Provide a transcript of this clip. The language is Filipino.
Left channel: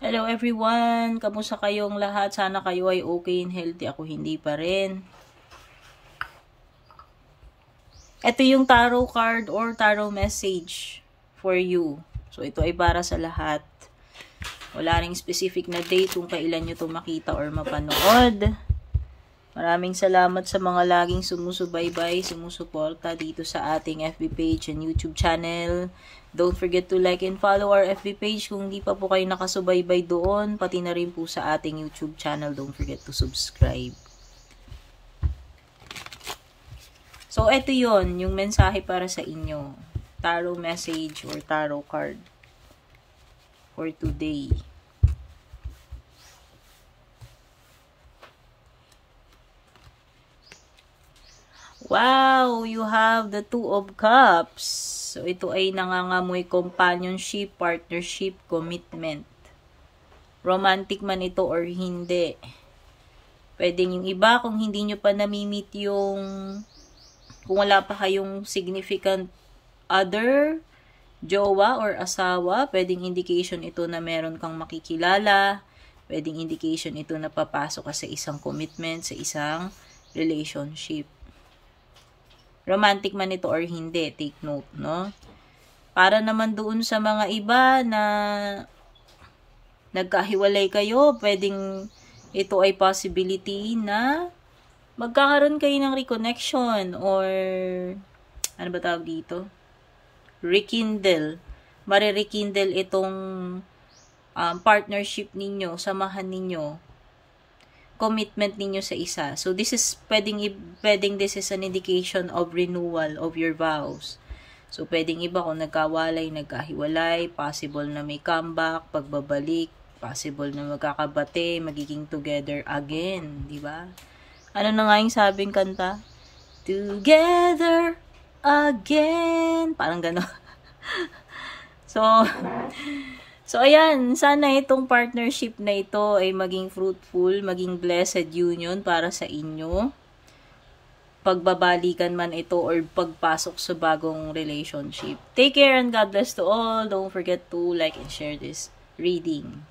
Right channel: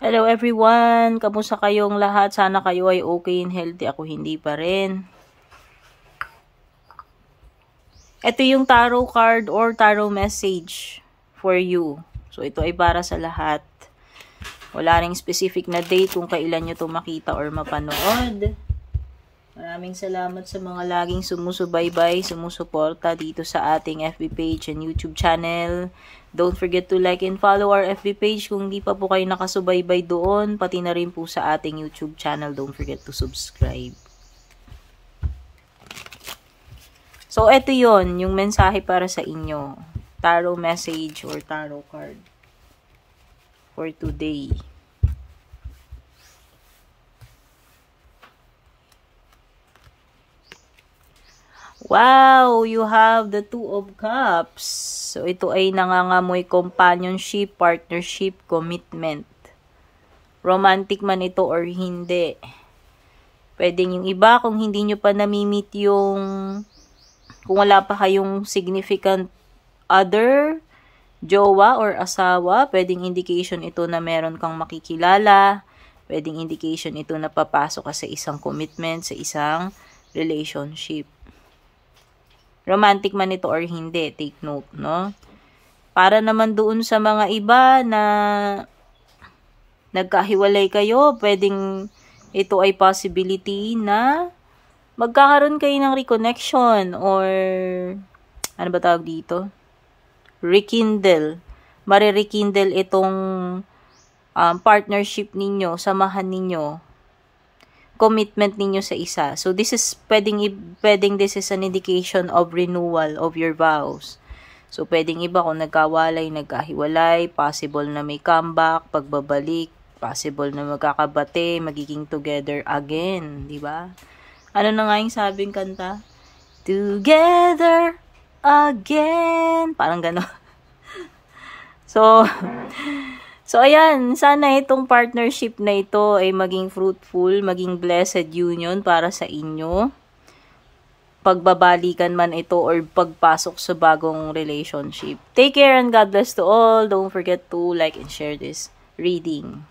Hello everyone! Kamusta kayong lahat? Sana kayo ay okay and healthy. Ako hindi pa rin. Ito yung tarot card or tarot message for you. So ito ay para sa lahat. Wala ring specific na date kung kailan nyo ito makita or mapanood. Maraming salamat sa mga laging sumusubaybay, sumusuporta dito sa ating FB page and YouTube channel. Don't forget to like and follow our FB page kung hindi pa po kayo nakasubaybay doon. Pati na rin po sa ating YouTube channel. Don't forget to subscribe. So, eto yon yung mensahe para sa inyo. Tarot message or tarot card for today. Wow! You have the Two of Cups. So, ito ay nangangamoy companionship, partnership, commitment. Romantic man ito or hindi. Pwedeng yung iba, kung hindi nyo pa namimit yung, kung wala pa kayong significant other, jowa or asawa, pwedeng indication ito na meron kang makikilala. Pwedeng indication ito na papasok ka sa isang commitment, sa isang relationship. Romantic man ito or hindi, take note, no? Para naman doon sa mga iba na nagkahiwalay kayo, pwedeng ito ay possibility na magkakaroon kayo ng reconnection or ano ba tawag dito? Rekindle. Marirekindle itong partnership ninyo, samahan ninyo, commitment ninyo sa isa. So, this is, pwedeng this is an indication of renewal of your vows. So, pwedeng iba kung nagkawalay, nagkahiwalay, possible na may comeback, pagbabalik, possible na magkakabate, magiging together again, di ba? Ano na nga yung sabing kanta? Together again. Parang gano'n. So, ayan, sana itong partnership na ito ay maging fruitful, maging blessed union para sa inyo. Pagbabalikan man ito or pagpasok sa bagong relationship. Take care and God bless to all. Don't forget to like and share this reading.